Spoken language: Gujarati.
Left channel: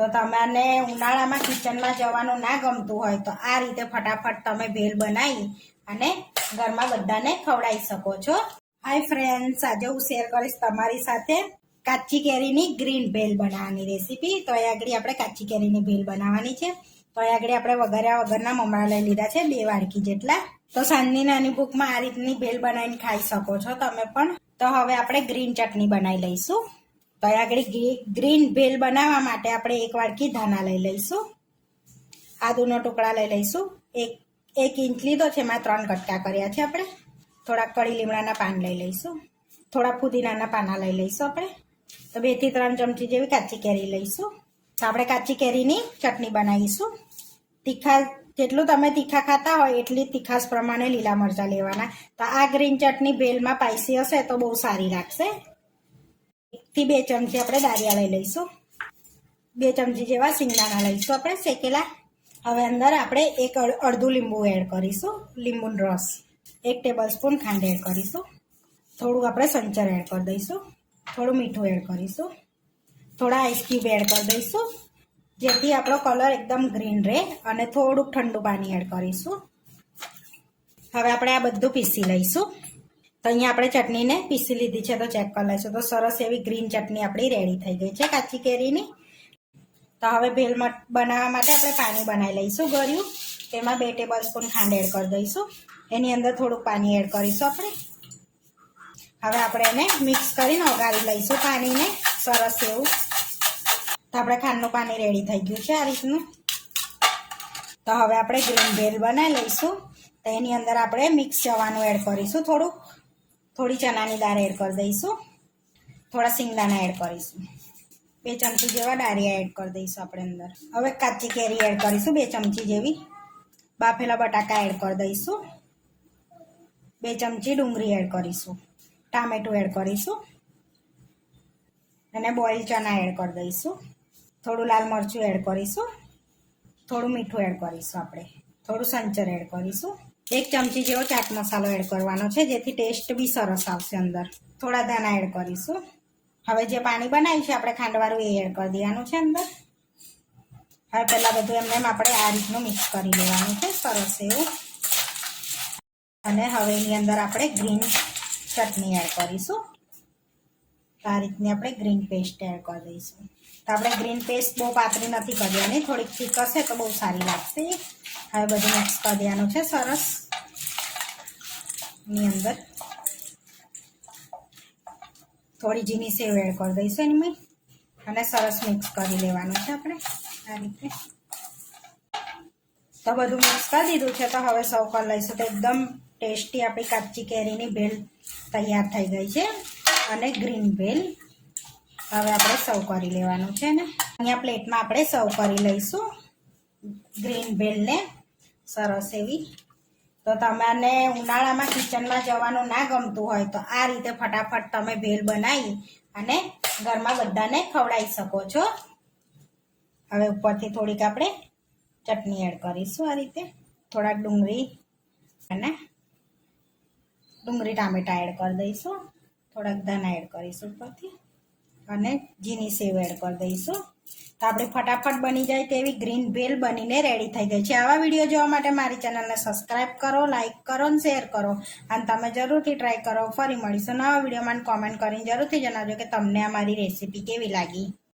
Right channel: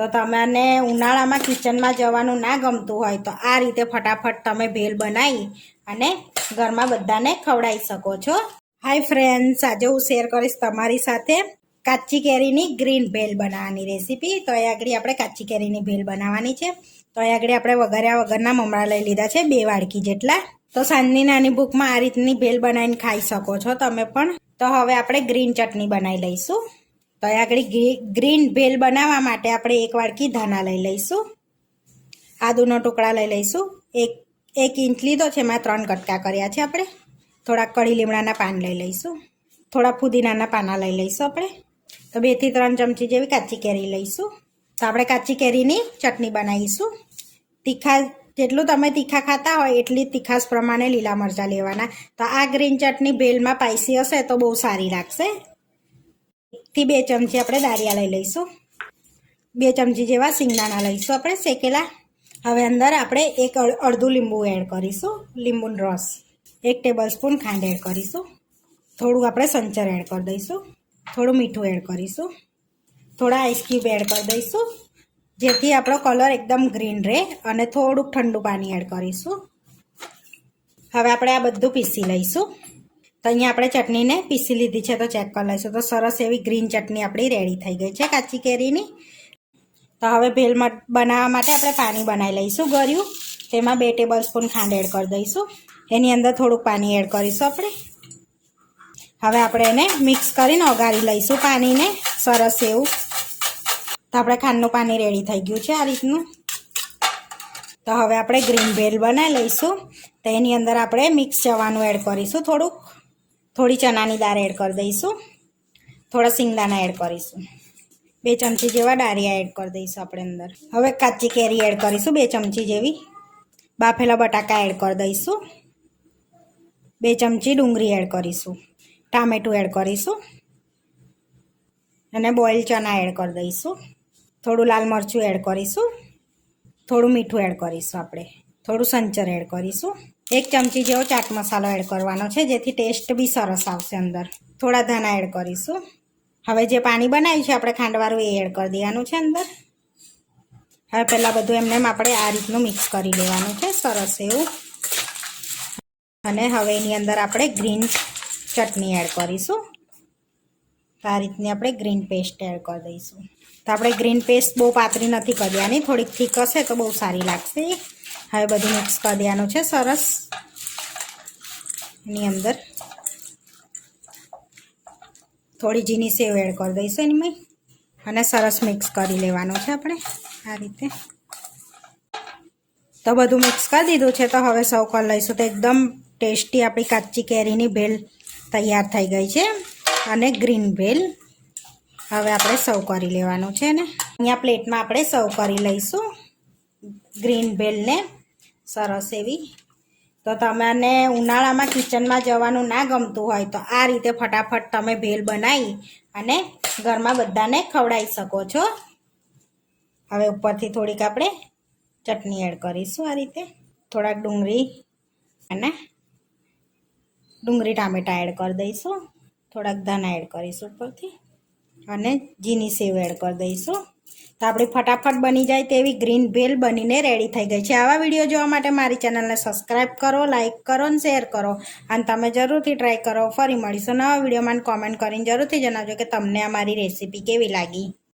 તો તમને ઉનાળામાં કિચનમાં જવાનું ના ગમતું હોય તો આ રીતે ફટાફટ તમે ભેલ બનાવી અને ઘરમાં બધાને ખવડાવી શકો છો. હાય ફ્રેન્ડ્સ, આજે હું શેર કરીશ તમારી સાથે કાચી કેરીની ગ્રીન ભેલ બનાવવાની રેસીપી. તો અહીં આગળ આપણે કાચી કેરીની ભેલ બનાવવાની છે. તો અહીં આગળ આપણે વઘાર્યા વગરના મમરા લઈ લીધા છે 2 વાડકી જેટલા. તો સાંજની નાની ભૂખમાં આ રીતની ભેલ બનાવીને ખાઈ શકો છો તમે પણ. તો હવે આપણે ગ્રીન ચટણી બનાવી લઈશું. તો અહીં આગળ ગ્રીન ભેલ બનાવવા માટે આપણે 1 વાડકી ધાણા લઈ લઈશું. આદુનો ટુકડા લઈ લઈશું. એક ઇંચ લીધો છે, એમાં 3 કટકા કર્યા છે આપણે. થોડા કળી લીમડાના પાન લઈ લઈશું. થોડા ફુદીનાના પાના લઈ લઈશું આપણે. તો 2 થી 3 ચમચી જેવી કાચી કેરી લઈશું. તો આપણે કાચી કેરીની ચટણી બનાવીશું. તીખા જેટલું તમે તીખા ખાતા હોય એટલી તીખાશ પ્રમાણે લીલા મરચાં લેવાના. તો આ ગ્રીન ચટણી ભેલમાં સ્પાઈસી હશે તો બહુ સારી લાગશે. 1 થી 2 ચમચી આપણે દાળિયા લઈ લઈશું. 2 ચમચી જેવા સિંગદાણા લઈશું આપણે શેકેલા. હવે અંદર આપણે અડધું લીંબુ એડ કરીશું, લીંબુનો રસ. 1 ટેબલસ્પૂન ખાંડ એડ કરીશું. થોડું આપણે સંચર એડ કરી દઈશું. થોડું મીઠું એડ કરીશું. થોડા આઈસ ક્યુબ એડ કરી દઈશું, જેથી આપણો કલર એકદમ ગ્રીન રહે. અને થોડુંક ઠંડુ પાણી એડ કરીશું. હવે આપણે આ બધું પીસી લઈશું. તો અહીંયા આપણે ચટણીને પીસી લીધી છે, તો ચેક કરી લઈશું. તો સરસ એવી ગ્રીન ચટણી આપણી રેડી થઈ ગઈ છે કાચી કેરીની. તો હવે ભેલ બનાવવા માટે આપણે પાણી બનાવી લઈશું ગળ્યું. તેમાં 2 ટેબલસ્પૂન ખાંડ એડ કરી દઈશું. એની અંદર થોડુંક પાણી એડ કરીશું આપણે. હવે આપણે એને મિક્સ કરીને ઓગાળી લઈશું પાણીને સરસ એવું. તો આપણે ખાંડનું પાણી રેડી થઈ ગયું છે આ રીતનું. તો હવે આપણે ગ્રીન ભેલ બનાવી લઈશું. તો એની અંદર આપણે મિક્સ ચવાનું એડ કરીશું. થોડી ચણાની દાળ એડ કરી દઈશું. થોડા સિંગદાણા એડ કરીશું. 2 ચમચી જેવા ડાળિયા એડ કરી દઈશું આપણે અંદર. હવે કાચી કેરી એડ કરીશું 2 ચમચી જેવી. બાફેલા બટાકા એડ કરી દઈશું. 2 ચમચી ડુંગળી એડ કરીશું. ટામેટું એડ કરીશું. અને બોઇલ ચણા એડ કરી દઈશું. થોડું લાલ મરચું એડ કરીશું. થોડું મીઠું એડ કરીશું આપણે. થોડું સંચર એડ કરીશું. 1 ચમચી જેવો ચાટ મસાલો એડ કરવાનો છે, જેથી ટેસ્ટ બી સરસ આવશે અંદર. થોડા ધાણા એડ કરીશું. હવે જે પાણી બનાવ્યું છે આપણે ખાંડવાળું એ એડ કરી દેવાનું છે અંદર. હવે પહેલાં બધું એમને આપણે આ રીતનું મિક્સ કરી લેવાનું છે સરસ એવું. અને હવે એની અંદર આપણે ગ્રીન ચટણી એડ કરીશું. આ રીતની આપણે ગ્રીન પેસ્ટ એડ કરી દઈશું. તો આપણે ગ્રીન પેસ્ટ બહુ પાતળી નથી કરી દેવાની, થોડીક થીક હશે તો બહુ સારી લાગશે. હવે બધું મિક્સ કરી દેવાનું છે સરસ. એની અંદર થોડી ઝીણી સેવ એડ કરી દઈશું એની. અને સરસ મિક્સ કરી લેવાનું છે આપણે આ રીતે. તો બધું મિક્સ કરી દીધું છે. તો હવે સર્વ કરી લઈશું. તો એકદમ ટેસ્ટી આપણી કાચી કેરીની ભેલ તૈયાર થઈ ગઈ છે. અને ગ્રીન ભેલ હવે આપણે સર્વ કરી લેવાનું છે ને. અહીંયા પ્લેટમાં આપણે સર્વ કરી લઈશું ગ્રીન ભેલને સરસ એવી. તો તમને ઉનાળામાં કિચનમાં જવાનું ના ગમતું હોય તો આ રીતે ફટાફટ તમે ભેલ બનાવી અને ઘરમાં બધાને ખવડાવી શકો છો. હવે ઉપરથી થોડીક આપણે ચટણી એડ કરીશું આ રીતે. થોડાક ડુંગળી ટામેટા એડ કરી દઈશું. થોડાક ધાણા એડ કરીશું ઉપરથી. અને ઝીણી સેવ એડ કરી દઈશું. તો આપણી ફટાફટ બની જાય તેવી ગ્રીન ભેલ બનીને રેડી થઈ ગઈ છે. આવા વિડીયો જોવા માટે મારી ચેનલને સબસ્ક્રાઈબ કરો, લાઇક કરો અને શેર કરો. અને તમે જરૂરથી ટ્રાય કરો. ફરી મળીશું નવા વિડીયોમાં. કોમેન્ટ કરીને જરૂરથી જણાવજો કે તમને અમારી રેસીપી કેવી લાગી.